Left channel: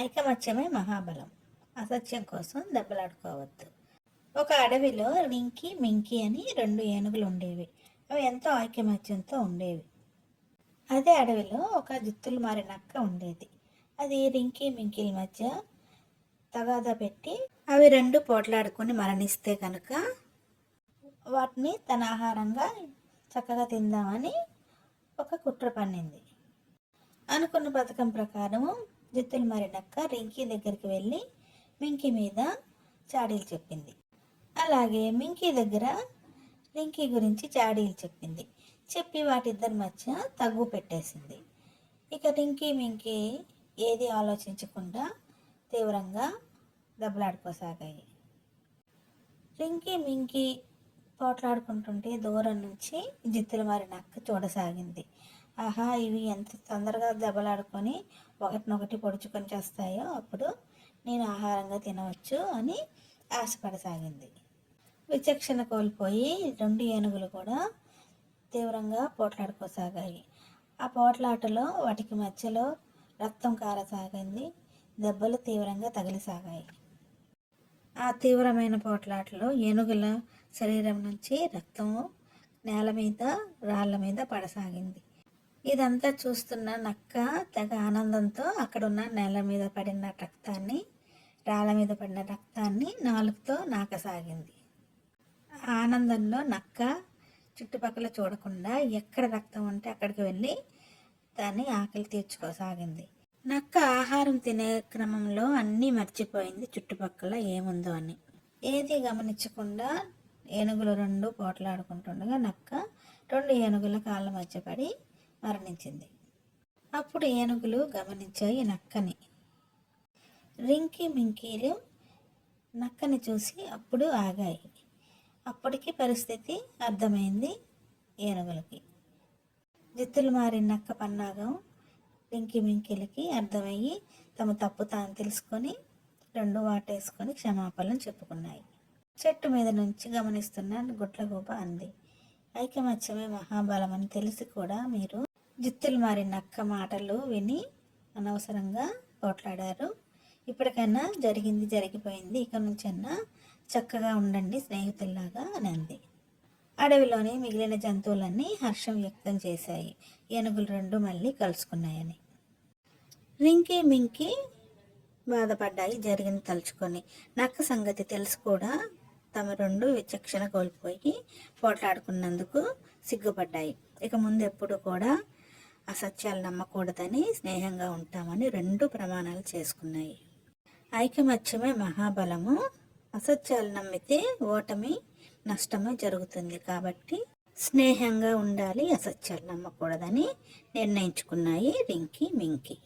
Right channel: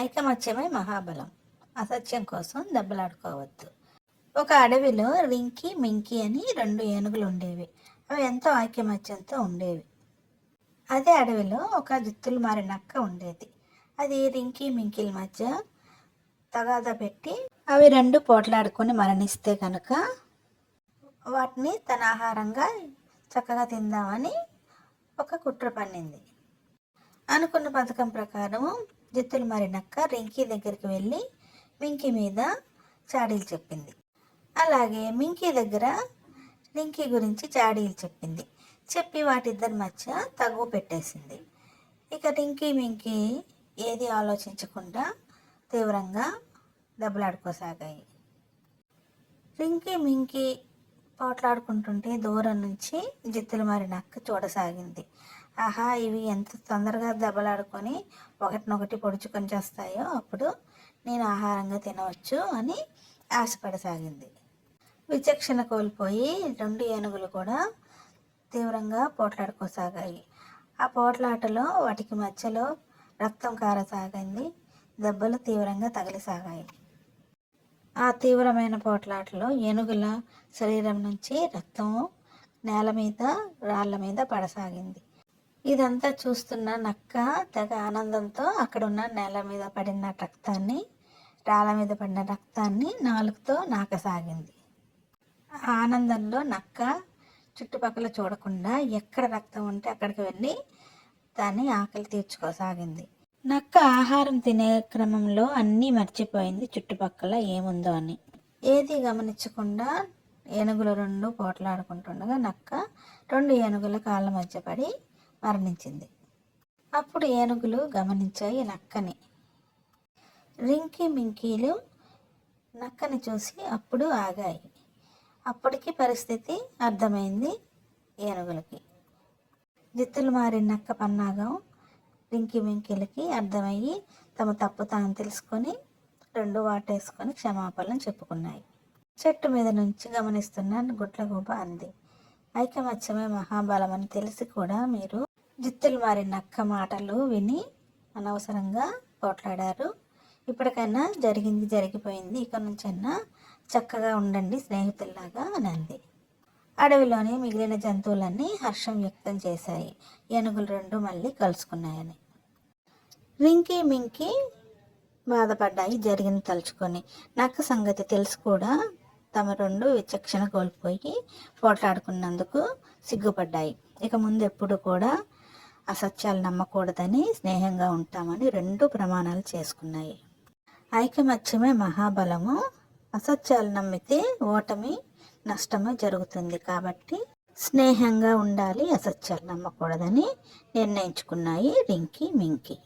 ఐకమత్యమే మహాబలం. అసత్యం కోసం దెబ్బలాడుకోవద్దు. ఒక అడవిలో రింకీ మింకీ అని 2 ఏనుగులు ఉండేవి. అవి ఎంతో ఐకమత్యంతో ఉండేవి. అదే అడవిలో ఒక జిత్తులు మారి నక్క ఉండేది. అది రింకీ మింకీల మధ్య తగాదా పెట్టి అవి 2 పోట్లాడుకొని మరణిస్తే కనుక వాటిని తన ఆహారంగా చక్కగా తిందామని ఒక కుట్ర పన్నింది. అనుకున్న పథకం ప్రకారం జిత్తులు మారి నక్క రింకీ దగ్గరికి వెళ్ళి మింకీ మీద చాడీలు చెప్పింది. అలాగే మింకీ దగ్గర రింకీ గురించి చాడీలు చెప్పింది. చెప్పి వాటిద్దరి మధ్య తగువ పెట్టేసింది. ఇక రింకీ మింకీ ఏది ఆలోచించకుండా తీవ్రంగా దెబ్బలాడుకోసాగాయి. రింకీ మింకీ పోట్లాడుకుంటుంటే దూరం నుంచి జిత్తులు మారి నక్క చూడసాగింది. ఆహా, ఇవి ఎంత తొందరగా దెబ్బలాడుకొని ఒకటినొకటి పొడుచుకొని చేస్తాయో అప్పుడు నేను ఆహారంగా తినవచ్చు అని ఆశపడసాగింది. విచక్షణ కోల్పోయి 2 ఏనుగులు కూడా తీవ్రంగా పోట్లాడుకోసాగాయి. ఆ పోట్లాటలో వాటికి మధ్యలో రక్తం కారసాగింది. దెబ్బలు తీవ్రంగా తగిలిసాగాయి. ఆ తీవ్రమైన పోట్లాటలో ఏనుగుల శరీరం నుంచి రక్తం నేల మీద రాళ్ళ మీద పడసాగింది. ఇదంతా చూస్తున్న నక్క తెగ ఆనందంతో అక్కడున్న నేల మీద పడిన రక్తాన్ని, రాళ్ళ మీద పడిన రక్తాన్ని నాలుకతో నాకసాగింది. ఆనందంలో నక్క చుట్టుపక్కల చూడకుండా ఎక్కడ రక్తం ఉంటే అక్కడికి వెళ్ళి దాన్ని ఆకలి తీర్చుకోసాగింది. నక్క ఆహారం తినే క్రమంలో అన్నీ మర్చిపోయింది, చుట్టుపక్కల ఏముందో అని. ఏది గమనించకుండా ఏనుగులు 2 పోట్లాడుకుంటుండగా నక్క 2 ఏనుగుల కాళ్ళ మధ్య పడి మరణించింది. అప్పుడు ఏనుగులు గమనించాయి నక్కని. రింకీ మింకీలు నక్కని చూసి అప్పుడు ఆగాయి. అప్పటికి పరిస్థితి అర్థమైంది ఏనుగులకి. జిత్తులు మారి నక్క పన్నాగం రింకీ మింకీలకి అర్థమయ్యి తమ తప్పు తాను తెలుసుకొని 2 వాటేసుకొని క్షమాపణలు చెప్పుకున్నాయి. చెట్టు మీద నుంచి గమనిస్తున్న గుడ్లగూబ అంది, ఐకమత్యమే మహాబలం అని తెలిసి కూడా మీరు జిత్తులు మారి నక్క మాటలు విని అనవసరంగా పోట్లాడారు. ఇప్పటికైనా జరిగింది జరిగిపోయింది, ఇక నుంచైనా చక్కగా ఉండండి స్నేహితుల్లాగా అని అంది. అడవిలోని మిగిలిన జంతువులన్నీ హర్షం వ్యక్తం చేశాయి, ఏనుగులు 2 మళ్ళీ కలుసుకున్నాయని. రింకీ మింకీ బాధపడ్డాయి జరిగింది తలుచుకొని. నక్క సంగతి తెలిసి కూడా తమ 2 విచక్షణ కోల్పోయి పోట్లాడుకున్నందుకు సిగ్గుపడ్డాయి. ఇక ముందు ఎప్పుడు కూడా అసత్యాలు నమ్మకూడదని, స్నేహంగా ఉంటామని 2 ప్రమాణాలు చేసుకున్నాయి. ఐకమత్యమే మహాబలము. అసత్యాలు నమ్మితే ఓటమి, నష్టమే జరుగుతుంది. కాబట్టి స్నేహంగా ఉండాలి, అసత్యాలు నమ్మకూడదని నిర్ణయించుకున్నాయి రింకీ మింకీ.